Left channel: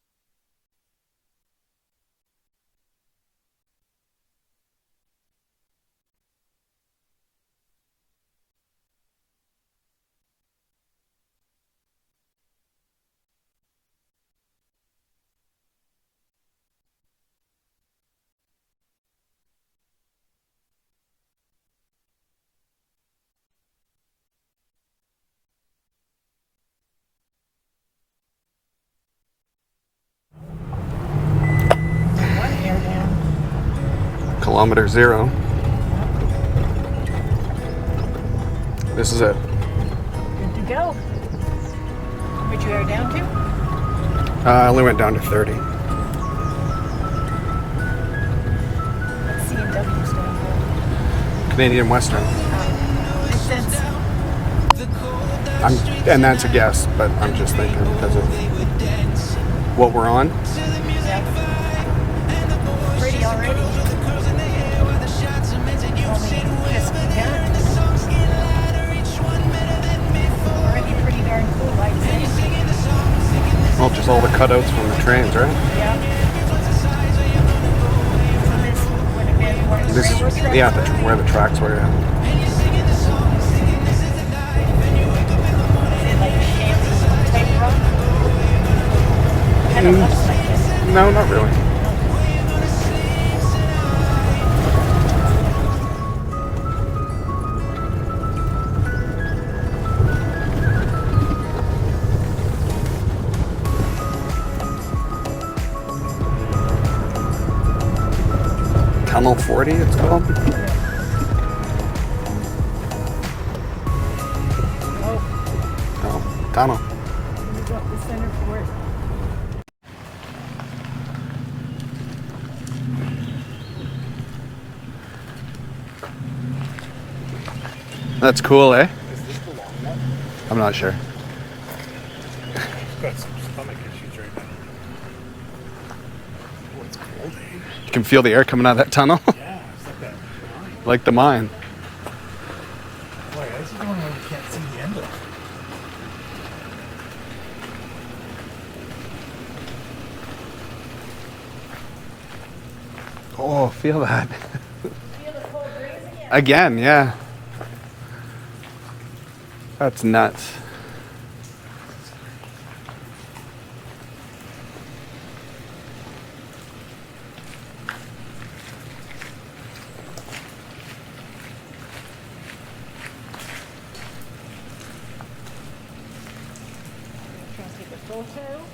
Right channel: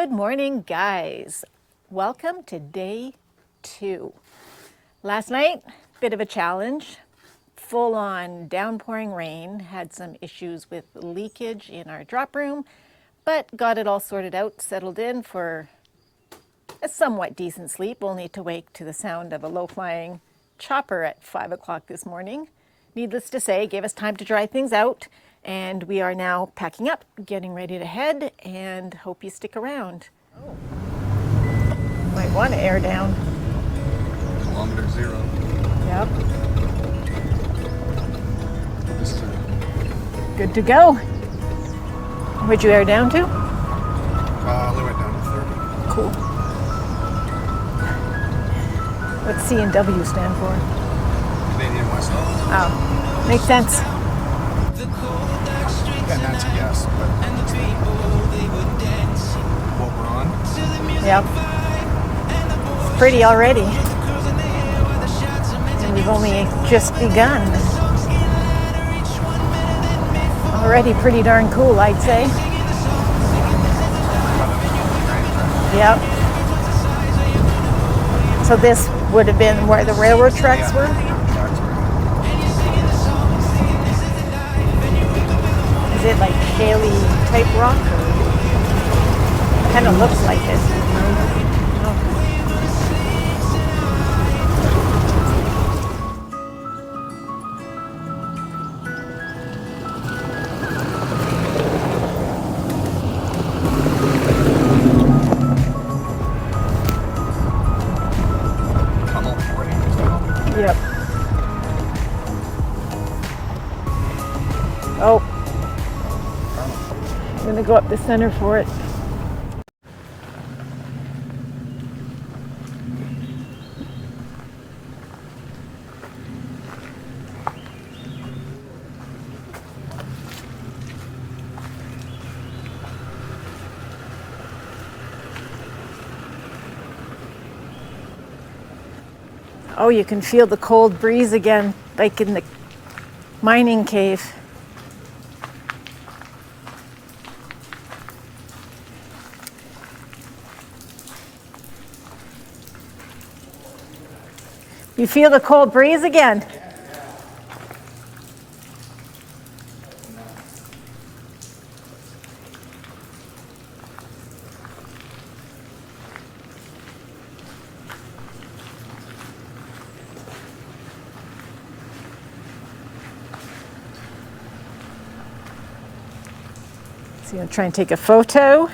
Good morning, guys. Welcome to day 2. Last night, bit of a challenge. Full-on downpouring rain. Had some issues with leakage in our drop room, but got it all sorted out, settled in for a somewhat decent sleep, only to wake to the sound of a low-flying chopper at 5 o'clock this morning. Needless to say, gave us time to dry things out, and we are now packing up, getting ready to head, and hope you stick around. Might want to air down. Kilometer 0. Yep. This is it. Good to go. Where'd you air down to? I only went down to 30. Cool. What's C&W stand for? Canadian Western. Oh, makes sense. And that's a guess, but I'm just thinking because of what we're on. Yep. Pretty already. And we've only just begun. Already pretty darn cool, I'd say. Well, just all the cutouts from the trains, right? Yep. So this would have been where the railroad tracks Yeah, were? where the tracks were. Yeah. Is it like shaly type rock? Kind of looks like it. No, not really. Tunnel 40, it's called. Yep. Oh, Oh, tunnel. I'm gonna go up the center for it. That's cool, eh? I'm not sure. You can feel the air coming out of that tunnel. Oh, you can feel the cold Like the breeze mine. again, like in the mining cave. Oh, feel that. You feel the cold breeze again? Again, yeah. That's nuts. So I'm gonna try and take a photo.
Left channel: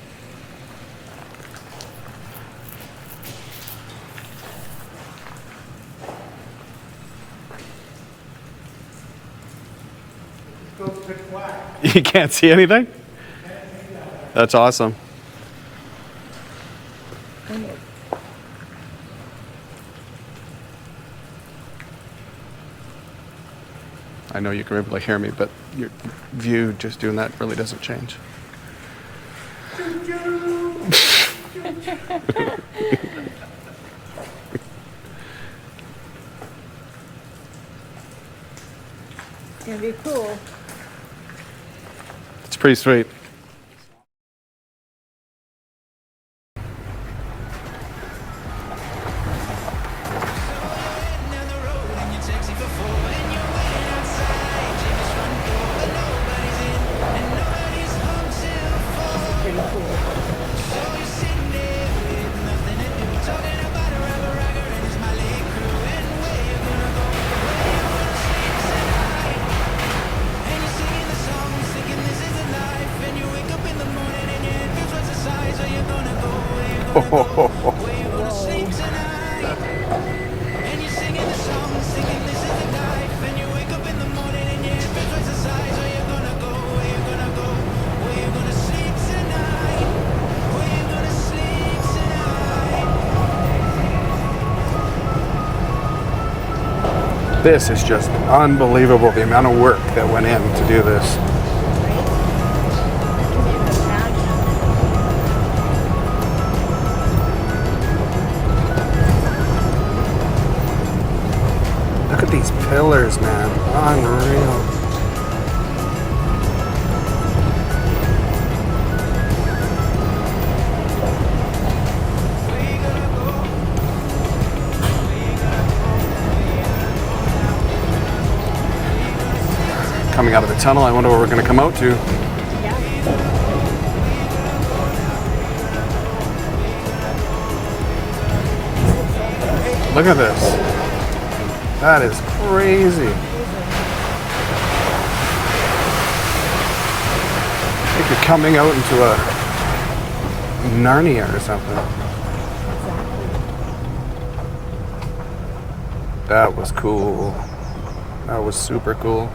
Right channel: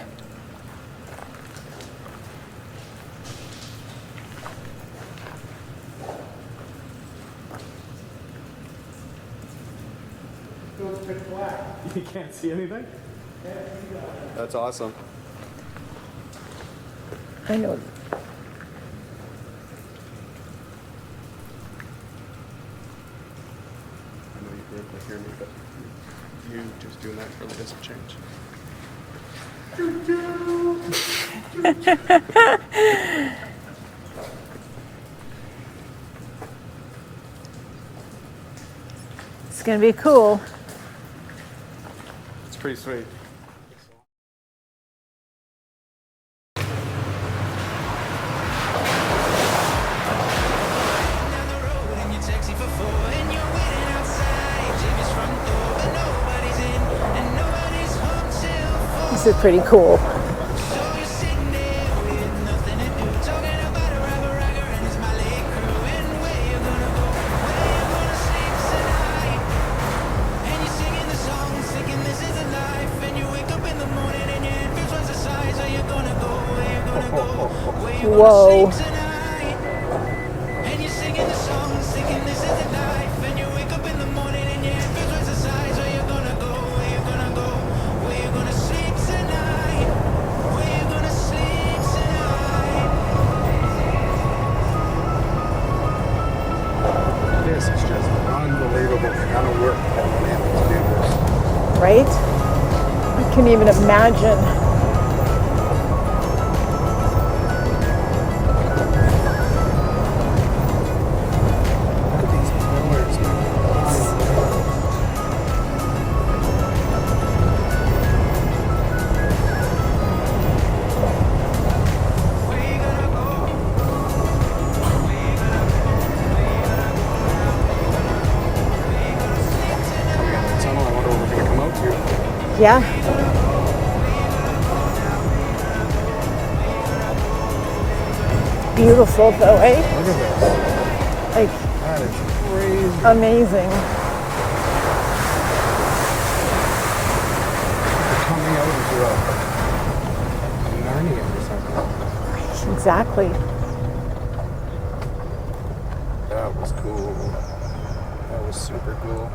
You can't see anything? That's awesome. I know. I know you can really hear me, but your view just doing that really doesn't change. It's gonna be cool. It's pretty sweet. This is pretty cool. Whoa. This is just unbelievable, the amount of work that went in to do this. Right? I can't even imagine. Look at these pillars, man. Unreal. coming out of the tunnel. I wonder what we're going to come out to. Yeah. Beautiful though, eh? Look at this. Like, That is crazy. amazing. Like you're coming out into a Narnia or something. Exactly. That was cool. That was super cool.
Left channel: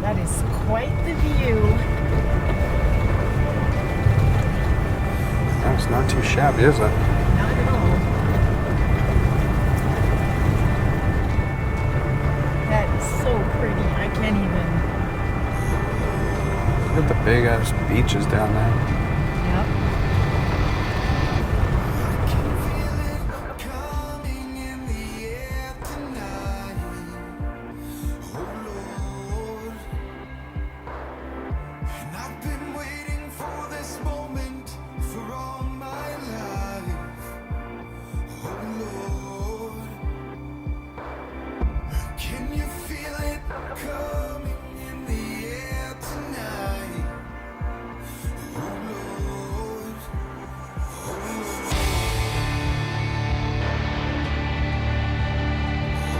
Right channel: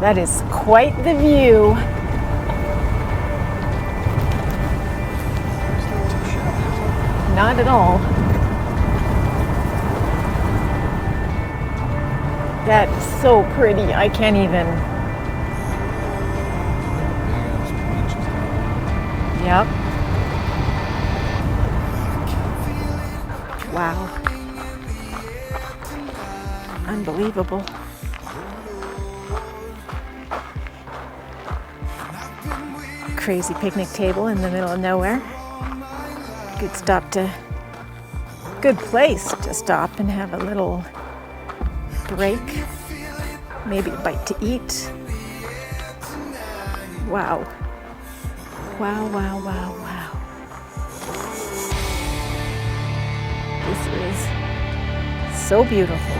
That is quite the view. It's not too shabby, is it? Not at all. That is so pretty. I can't even. Look at the big ass beaches down there. Yep. Wow. Unbelievable. Crazy picnic table in the middle of nowhere. Good place to stop and have a little break. Maybe a bite to eat. Wow. Wow, wow, wow, wow. This is so beautiful.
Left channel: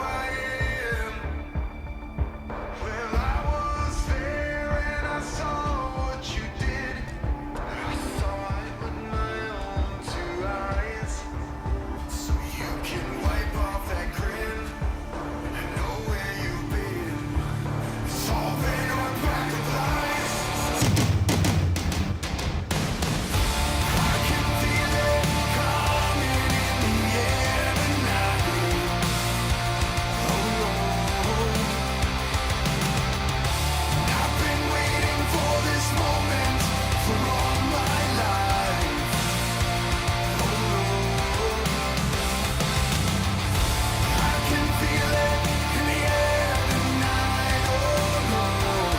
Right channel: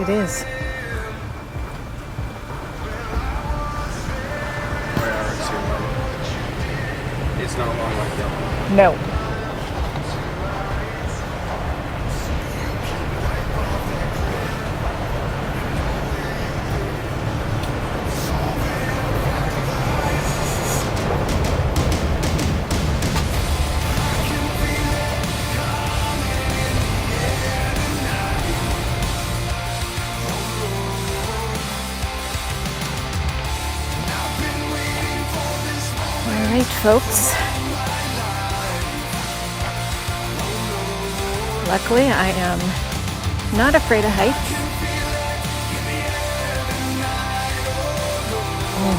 It is. It's not one like No. All right, folks. Luckily, I am not afraid of heights. Oh,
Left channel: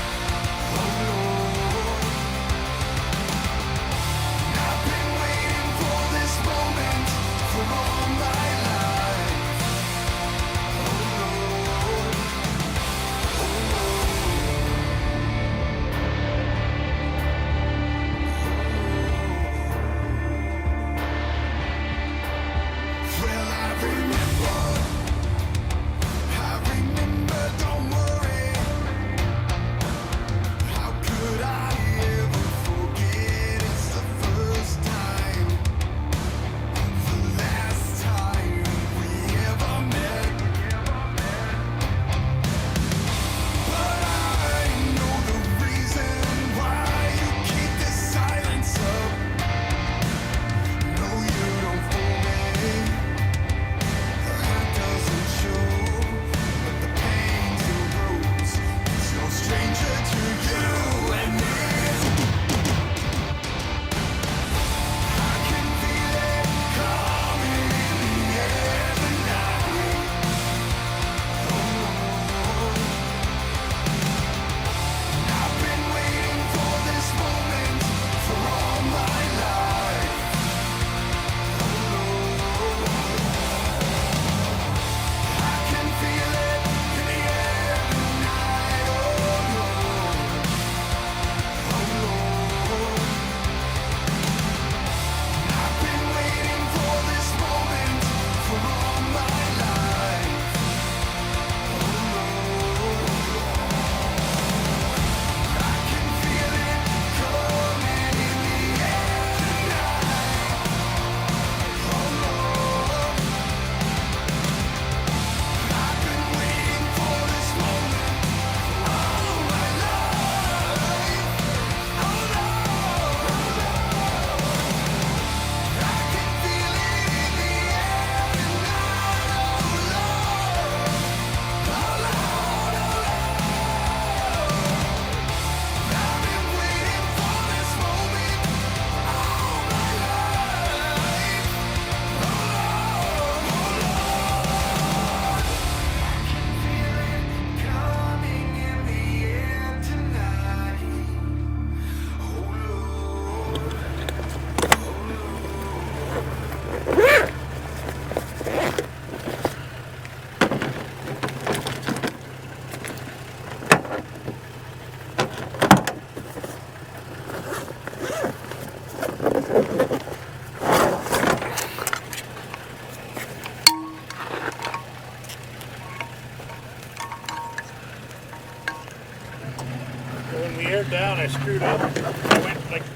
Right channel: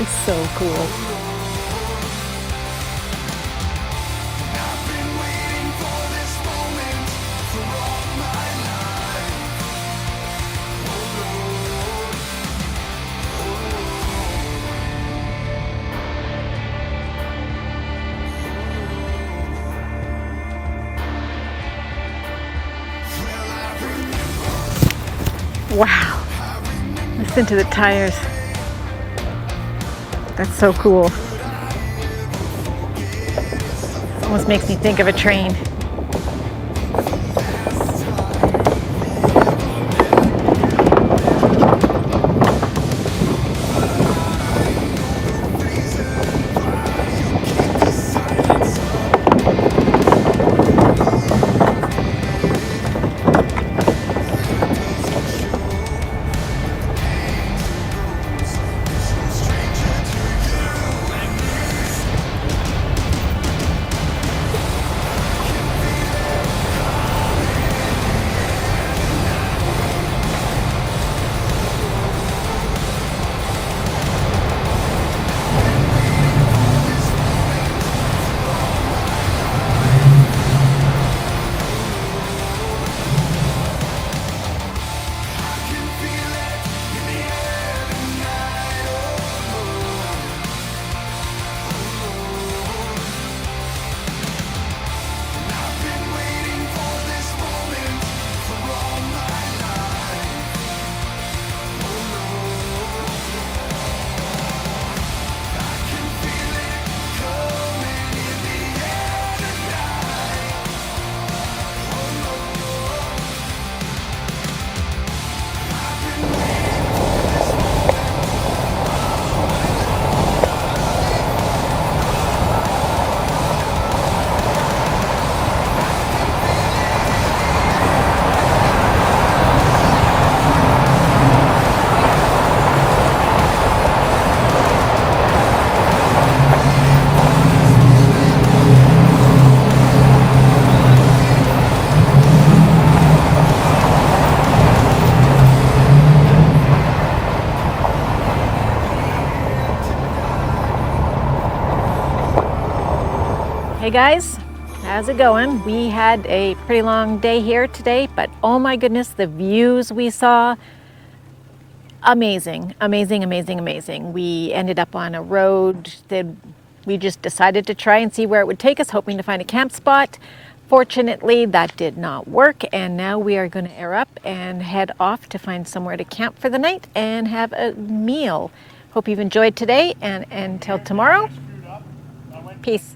it's so cool. Wow. Listen to the tires. That's so cool. Almost makes me think of a train. guys, how's it going? We had a pretty long day here today, but oh my goodness, the views we saw, amazing, amazing, amazing, amazing. We ended up on a road that we just decided to try and see where it would take us, hoping to find a camp spot. Fortunately, that did not work, and now we are going to air up and head off to find somewhere to camp for the night and have a meal. Hope you've enjoyed today, and until tomorrow, peace.